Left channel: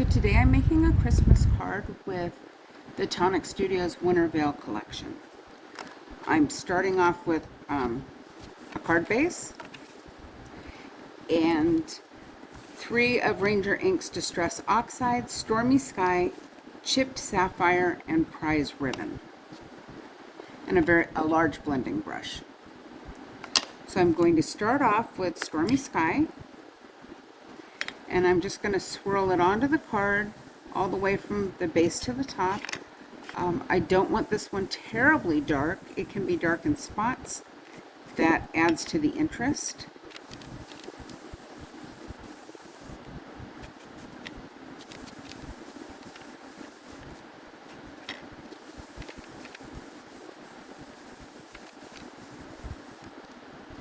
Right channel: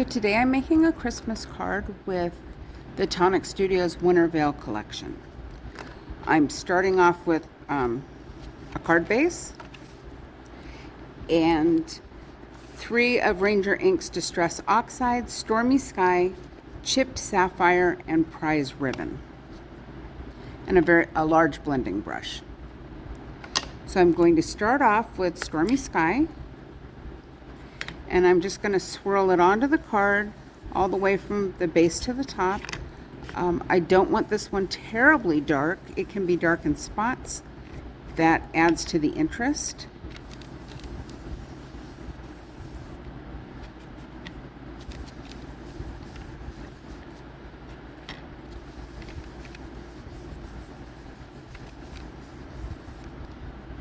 So today I'm making a Christmas card with the Tonic Studios Winter Veil collection. I'm starting off with a card base and 3 of Ranger Ink's Distress Oxide, Stormy Sky, Chipped Sapphire, and Prize Ribbon, and a large blending brush. So I'm going to start off with Stormy Sky, and I'm just going to swirl it onto the card all the way from the base to the top. I don't want this one terribly dark. It can be dark in spots. That adds to the interest.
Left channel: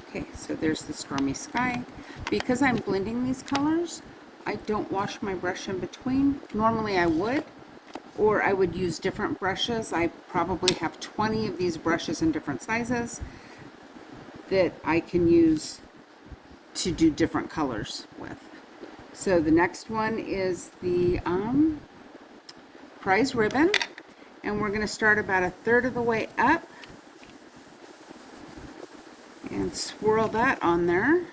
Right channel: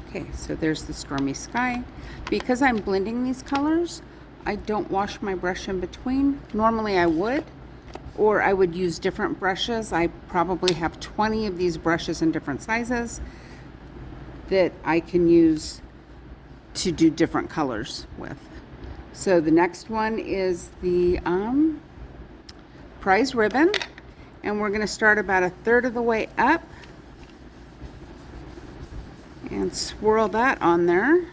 Okay, so there's the Stormy Sky. Because I'm blending these colors, I don't wash my brush in between. Normally I would, or I would use different brushes. I probably have 20 of these brushes in different sizes that I can use to do different colors with. So the next one is the Prize Ribbon, and we're going to start about 1/3 of the way up and swirl that on there.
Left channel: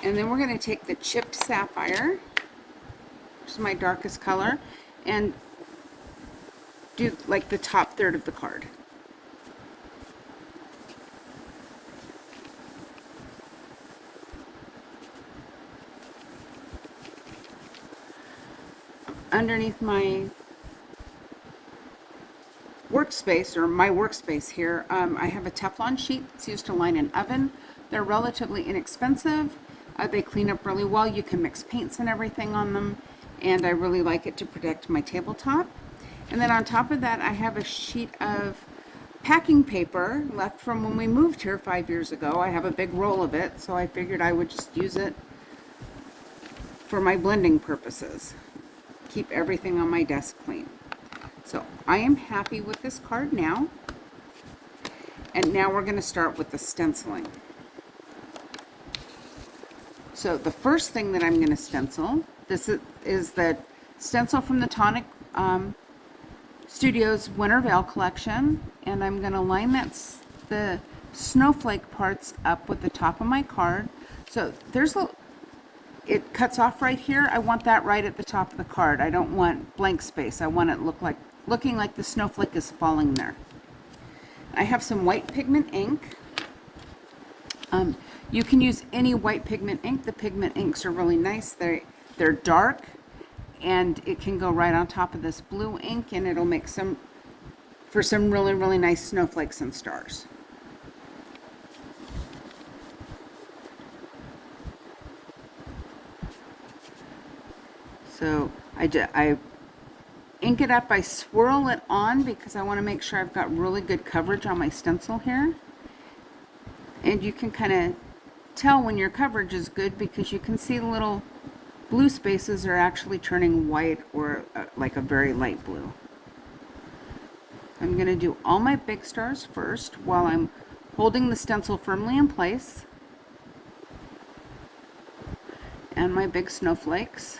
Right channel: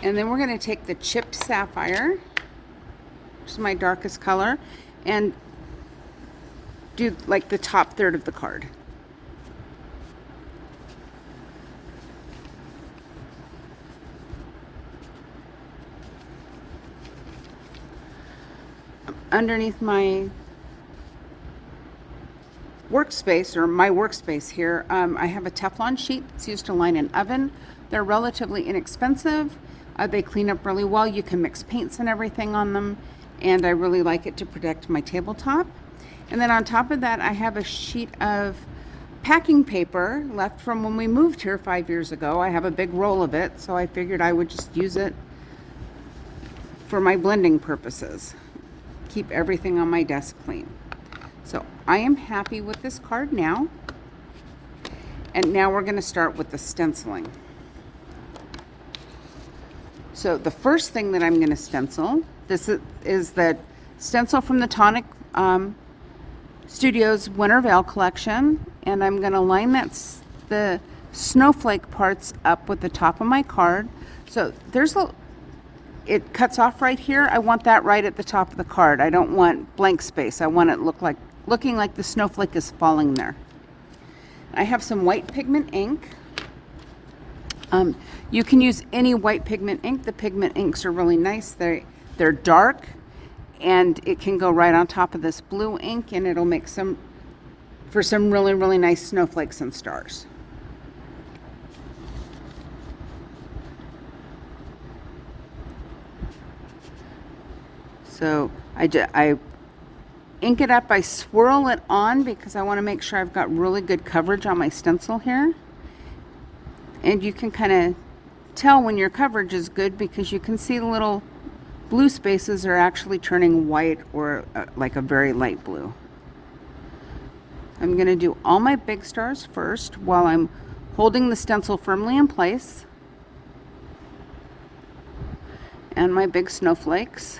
And then we're going to take the Chipped Sapphire, which is my darkest color, and do like the top 1/3 of the card. Underneath my workspace, or my workspace here, I have a Teflon sheet that's used to line an oven. They're relatively inexpensive. They clean up really well. You can mix paints and everything on them, and I really like it to protect my tabletop. And then on top of that, I have a sheet of packing paper left from when we moved here 5 years ago. I have a big roll of it, so I figured I would just use it for my blending purposes. Keep everything on my desk clean. So I am happy with this card now. And now we're going to start with the stenciling. So the first thing that I'm going to stencil, this is the stencil from the Tonic Studios Winter Veil collection, and I'm going to line the snowflake parts up with the top of my card. So it cuts off right here. I want that right at the top of the card. I don't want blank space. I want it looking like the snowflake is falling there. I have some white pigment ink. You can use any white pigment ink. The pigment inks are really nice. They're dark, and it can go right on top of this blue ink, and it'll make some really, really nice snowflakes and stars. So I ink it up, I swirl it on because I want to make sure I've got really good coverage on my stencil here. And you can kind of tell when your coverage is good because you can see the little blue spaces are actually turning white or like a very light blue. I'm going to do all my big stars first while I'm holding the stencil firmly in place, and my big snowflakes.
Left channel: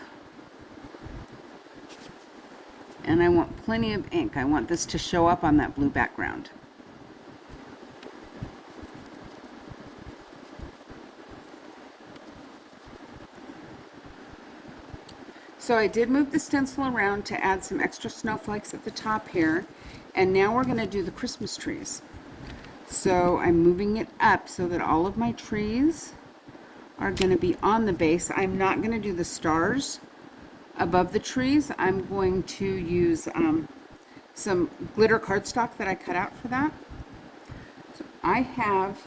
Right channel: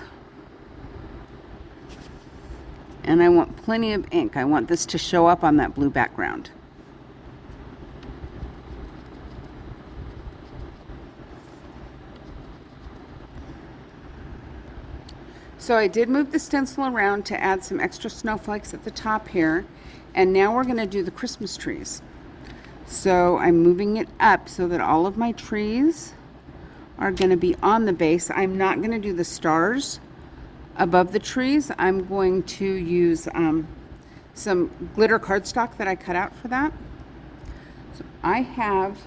And I want plenty of ink. I want this to show up on that blue background. So I did move the stencil around to add some extra snowflakes at the top here, and now we're going to do the Christmas trees. So I'm moving it up so that all of my trees are going to be on the base. I'm not going to do the stars above the trees. I'm going to use some glitter cardstock that I cut out for that. So I have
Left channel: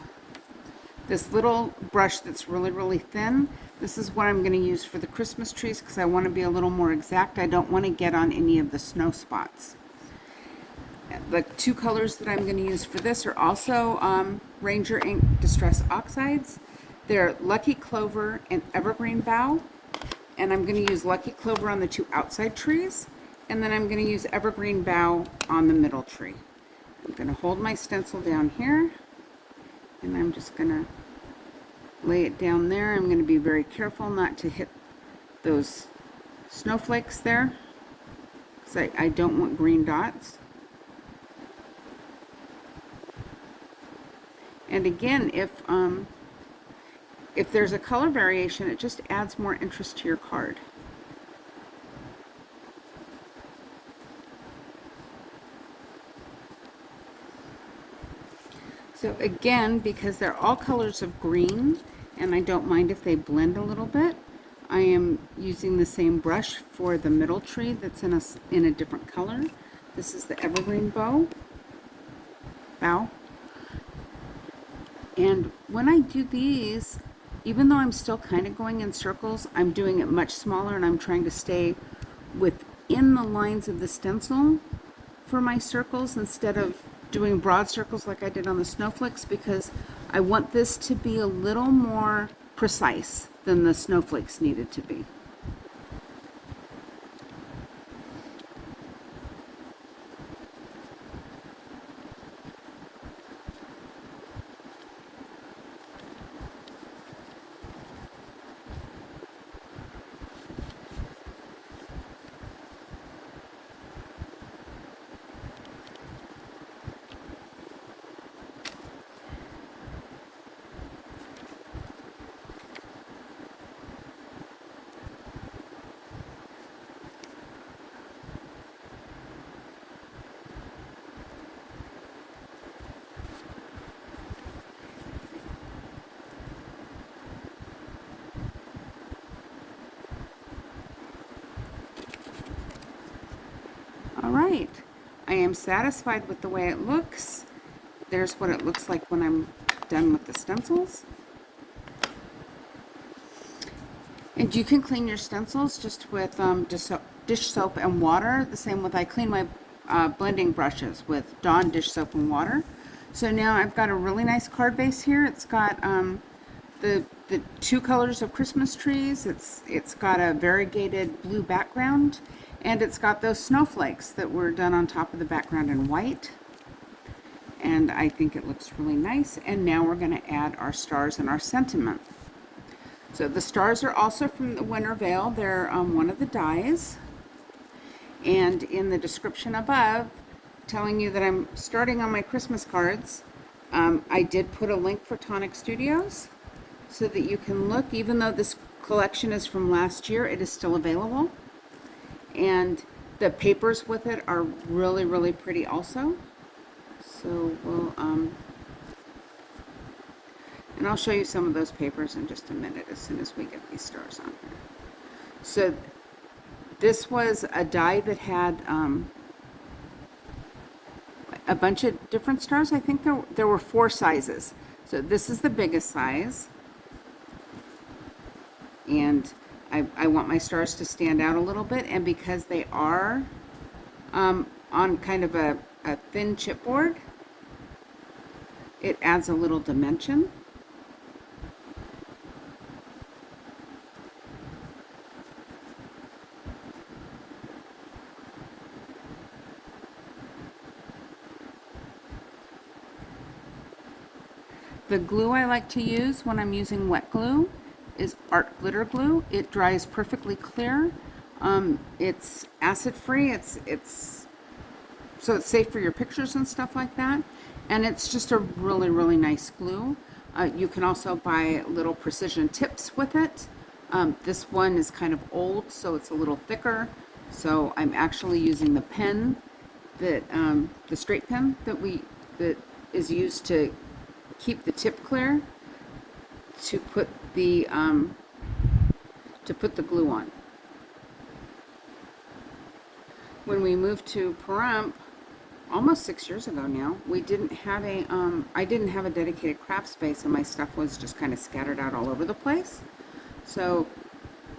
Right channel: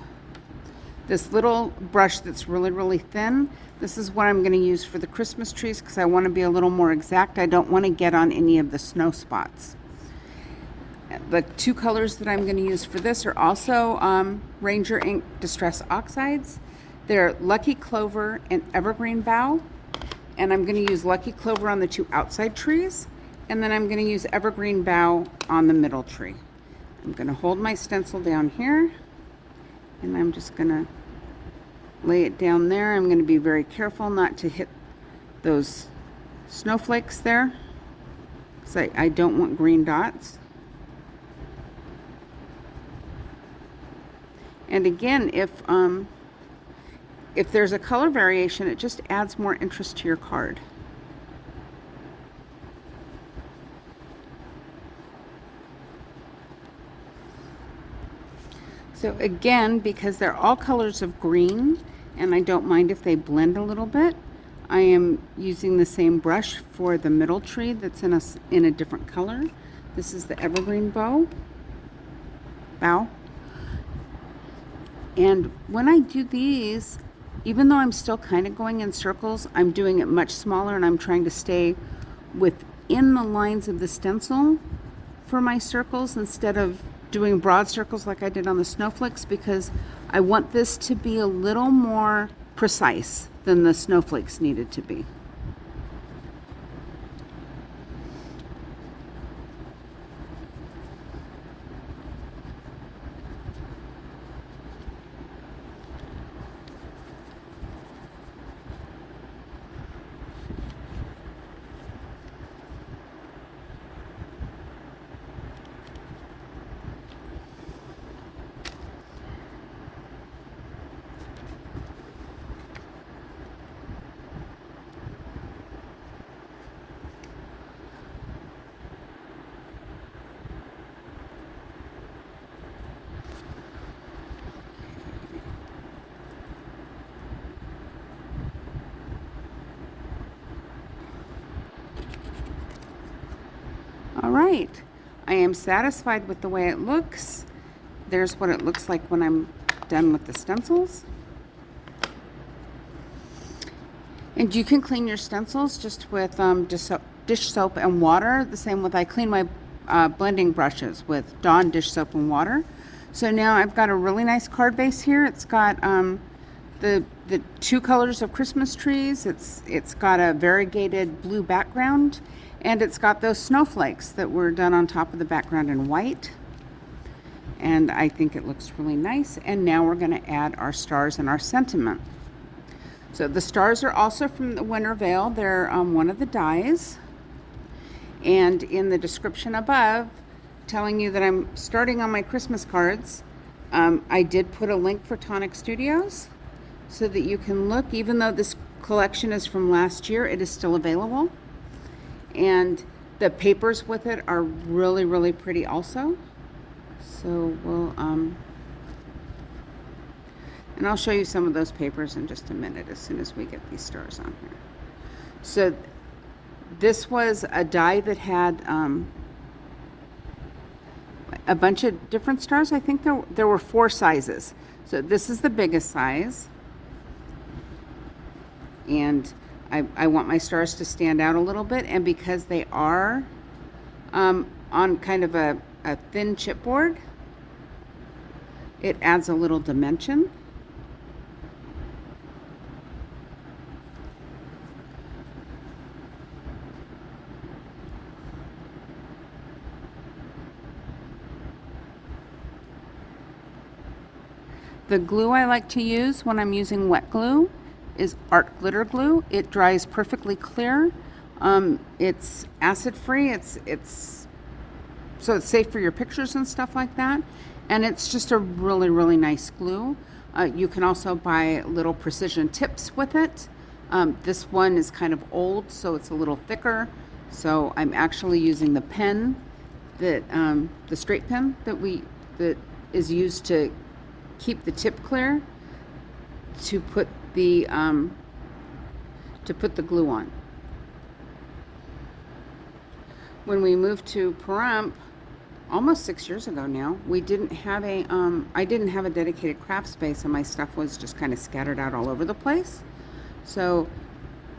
this little brush that's really, really thin. This is what I'm going to use for the Christmas trees because I want to be a little more exact. I don't want to get on any of the snow spots. The 2 colors that I'm going to use for this are also Ranger Ink Distress Oxides. They're Lucky Clover and Evergreen Bough. And I'm going to use Lucky Clover on the 2 outside trees, and then I'm going to use Evergreen Bough on the middle tree. I'm going to hold my stencil down here, and I'm just going to lay it down there. I'm going to be very careful not to hit those snowflakes there, because I don't want green dots. And again, if there's a color variation, it just adds more interest to your card. So again, because they're all colors of green, and I don't mind if they blend a little bit, I am using the same brush for the middle tree that's in a different color. This is the evergreen bow. And when I do these, even though I'm still kind of going in circles, I'm doing it much smaller, and I'm trying to stay within the lines of the stencil for my circles instead of doing broad circles like I did on the snowflakes, because I want this to be a little more precise than the snowflakes needed to be. All right, I am satisfied with the way it looks. There's what it looks like when I'm done with the stencils. And you can clean your stencils just with dish soap and water. The same with, I clean my blending brushes with Dawn dish soap and water. So now I've got a really nice card base here. It's got the two colors of Christmas trees. It's got a variegated blue background, and it's got those snowflakes that were done on top of the background in white. And I think it looks really nice. And now we're going to add our stars and our sentiment. So the stars are also from the Winter Veil. They're one of the dies. And in the description above, telling you that I'm starting on my Christmas cards, I did put a link for Tonic Studios so that you can look. Even though this collection is from last year, it is still available. And the papers with it are really, really pretty also. So we'll, and I'll show you some of those papers in just a minute as soon as we get these stars on here. So this was a die that had a bunch of different stars. I think there were 4 sizes. So this is the biggest size. And I want my stars to stand out a little bit, and because they are on kind of a thin chipboard, it adds a little dimension. The glue I like to use when I'm using wet glue is art glitter glue. It dries perfectly clear. It's acid free. So it's safe for your pictures and stuff like that. And it's just a really, really nice glue. You can also buy little precision tips with it. This one is kind of old, so it's a little thicker. So I'm actually using the pen that the straight pen that is used to keep the tip clear to put the glue on. When we moved to Pahrump, almost 6 years ago now, we didn't have I didn't have a dedicated craft space, and my stuff was just kind of scattered out all over the place. So,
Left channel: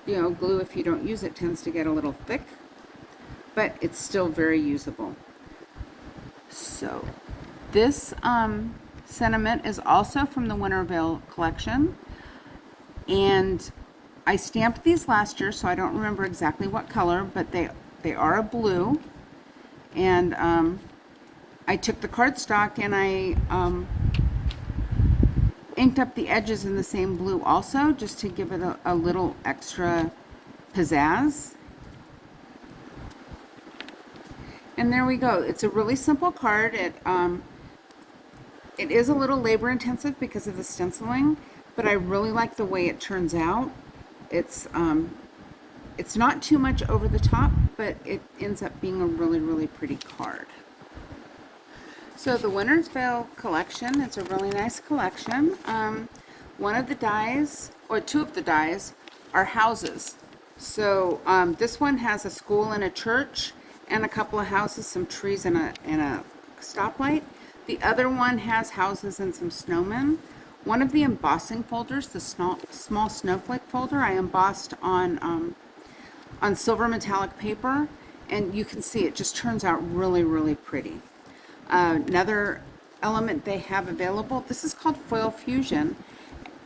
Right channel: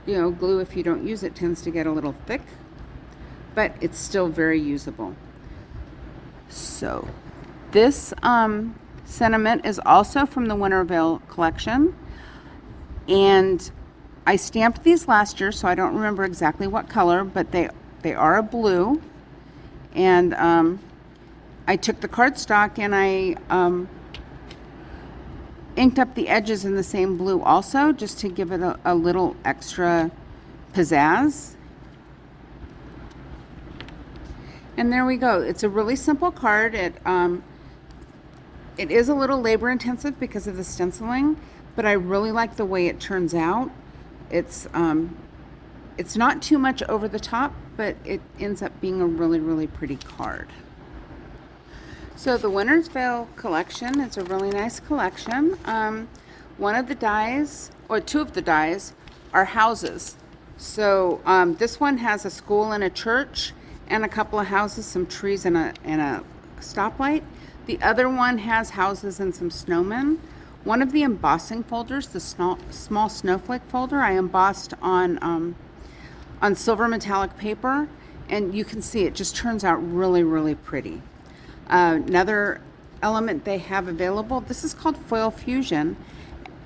you know, glue, if you don't use it, tends to get a little thick, but it's still very usable. So this sentiment is also from the Winter Veil collection, and I stamped these last year, so I don't remember exactly what color, but they are a blue. And I took the cardstock and I inked up the edges in the same blue also, just to give it a little extra pizzazz. And there we go. It's a really simple card. It is a little labor intensive because of the stenciling, but I really like the way it turns out. It's not too much over the top, but it ends up being a really, really pretty card. So the Winter's Veil collection is a really nice collection. One of the dies, or two of the dies, are houses. So this one has a school and a church, and a couple of houses, some trees, and a stoplight. The other one has houses and some snowmen. One of the embossing folders, the small snowflake folder, I embossed on silver metallic paper, and you can see it just turns out really, really pretty. Another element they have available, this is called foil fusion,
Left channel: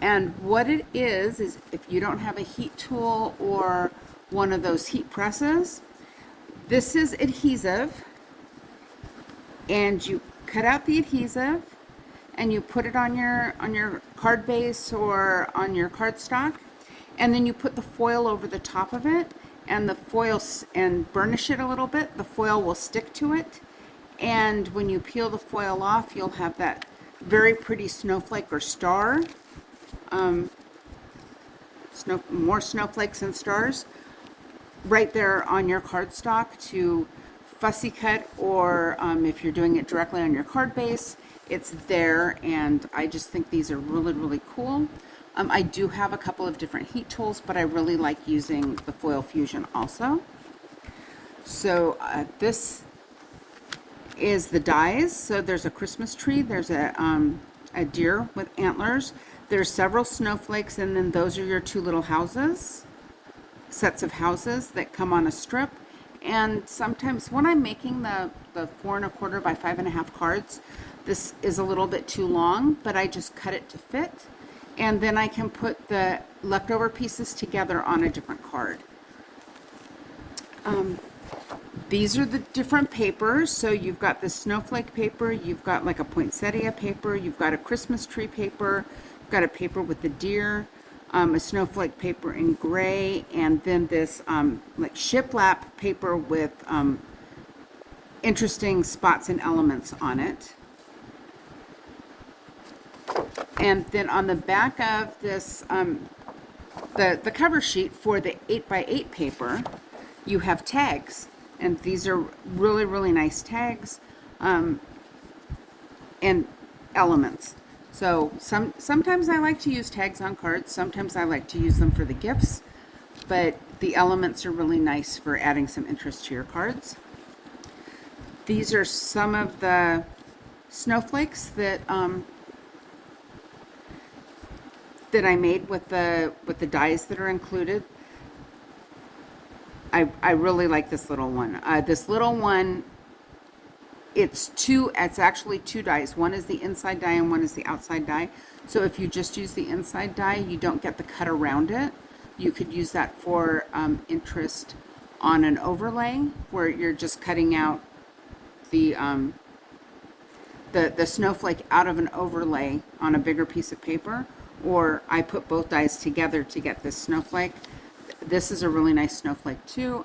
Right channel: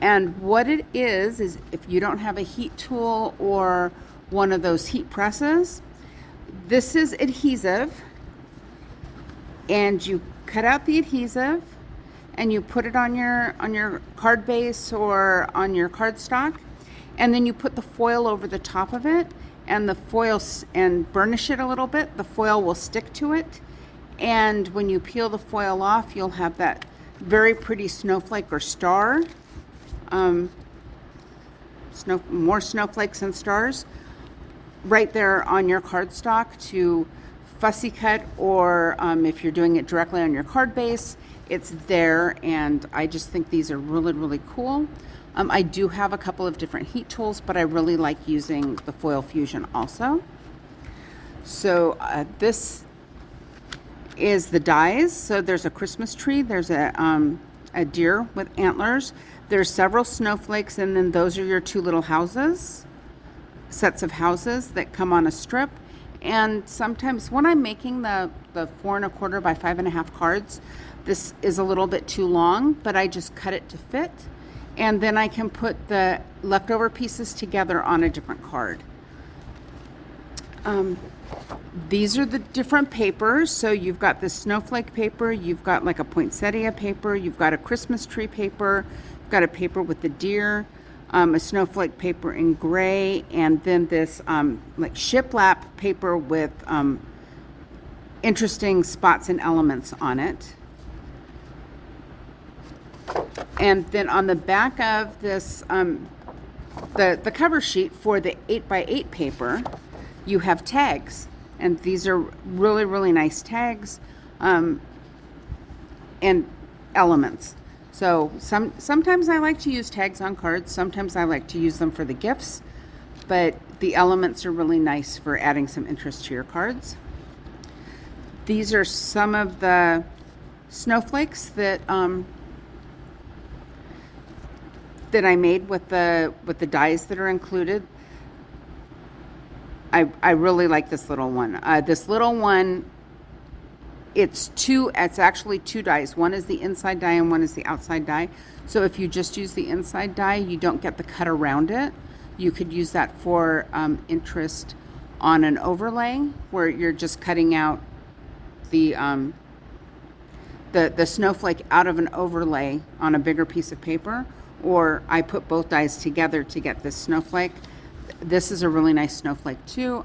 and what it is if you don't have a heat tool or one of those heat presses, this is adhesive, and you cut out the adhesive and you put it on your card base or on your cardstock, and then you put the foil over the top of it, and the foil, and burnish it a little bit. The foil will stick to it, and when you peel the foil off, you'll have that very pretty snowflake or star. More snowflakes and stars right there on your cardstock to fussy cut, or if you're doing it directly on your card base, it's there. And I just think these are really, really cool. I do have a couple of different heat tools, but I really like using the foil fusion also. So this is the dies. So there's a Christmas tree, there's a deer with antlers, there's several snowflakes, and then those are your two little houses, sets of houses that come on a strip. And sometimes when I'm making the 4 1/4 by 5 1/2 cards, this is a little bit too long, but I just cut it to fit, and then I can put the leftover pieces together on a different card. These are the different papers. So you've got the snowflake paper, you've got like a poinsettia paper, you've got a Christmas tree paper, you've got a paper with the deer, a snowflake paper in gray, and then this like shiplap paper with interesting spots and elements on it. And then on the back of this, the cover sheet for the 8x8 paper, you have tags, and these are really, really nice tags and elements. So sometimes I like to use tags on cards, sometimes I like to use them for the gifts, but the elements are really nice for adding some interest to your cards. These are some of the snowflakes that that I made with the dies that are included. I really like this little one. This little one, it's actually two dies. One is the inside die and one is the outside die. So if you just use the inside die, you don't get the cut around it. You could use that for interest on an overlay where you're just cutting out the snowflake out of an overlay on a bigger piece of paper. Or I put both dies together to get this snowflake. This is a really nice snowflake too.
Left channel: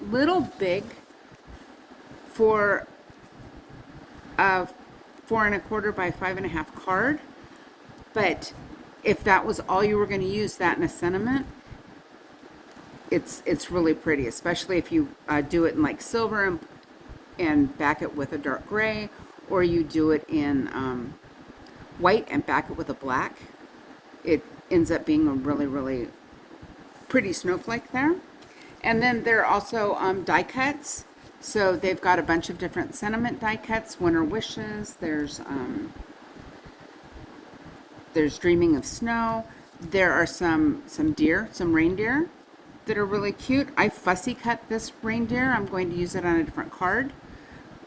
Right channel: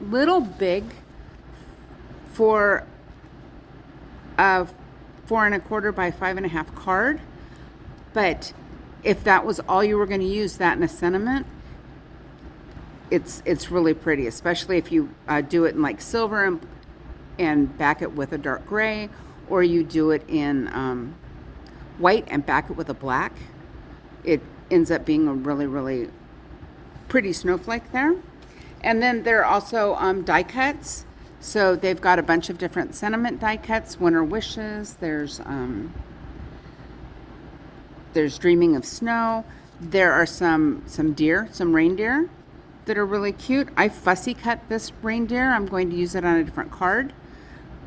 Little big for a 4 1/4 by 5 1/2 card, but if that was all you were going to use, that and a sentiment, it's really pretty, especially if you do it in like silver and back it with a dark gray, or you do it in white and back it with a black. It ends up being a really, really pretty snowflake there. And then there are also die cuts. So they've got a bunch of different sentiment die cuts, winter wishes, there's dreaming of snow. There are some reindeer that are really cute. I fussy cut this reindeer. I'm going to use it on a different card,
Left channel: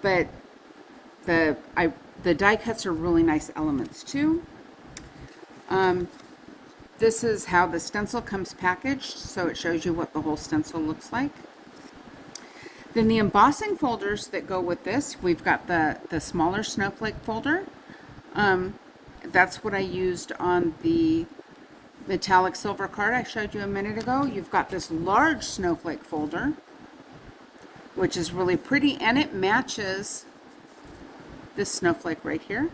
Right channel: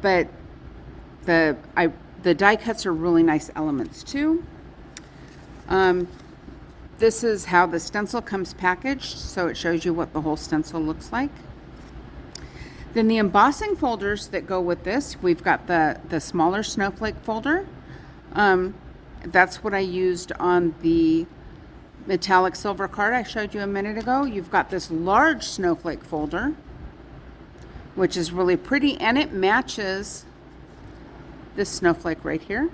but the die cuts are really nice elements too. This is how the stencil comes packaged, so it shows you what the whole stencil looks like. Then the embossing folders that go with this, we've got the smaller snowflake folder, and that's what I used on the metallic silver card I showed you a minute ago. You've got this large snowflake folder, which is really pretty, and it matches this snowflake right here.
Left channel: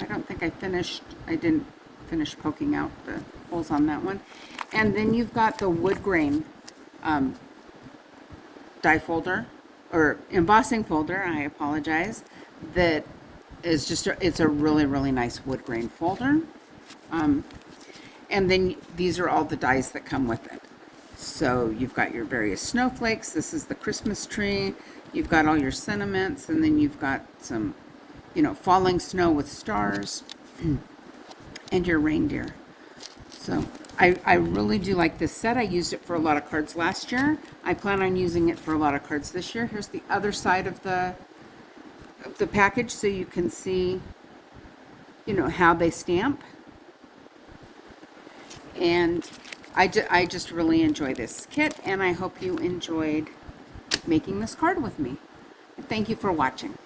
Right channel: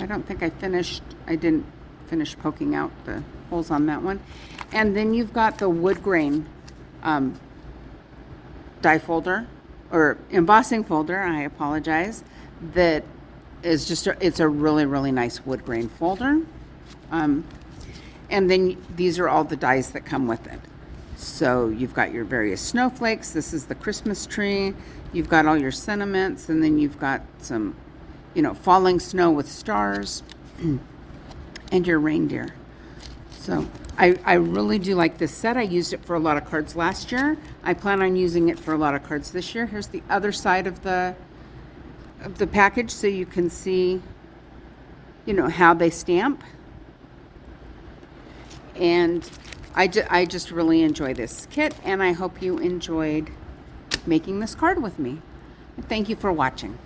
I don't think I didn't finish poking out the holes on that one. And then you've got the wood grain die folder, or embossing folder, I apologize, that is just, it's a really, really nice wood grain folder. And then these are all the dies that come with it. So you've got your various snowflakes. This is the Christmas tree. You've got all your sentiments, and then you've got some, falling snow with stars, and your reindeer. So I really do like this set. I used it for a lot of cards last year. I plan on using it for a lot of cards this year. Here's the other side of the package, so you can see, how they stamp. And I just really enjoy this kit, and I hope you enjoyed making this card with me. Thank you for watching.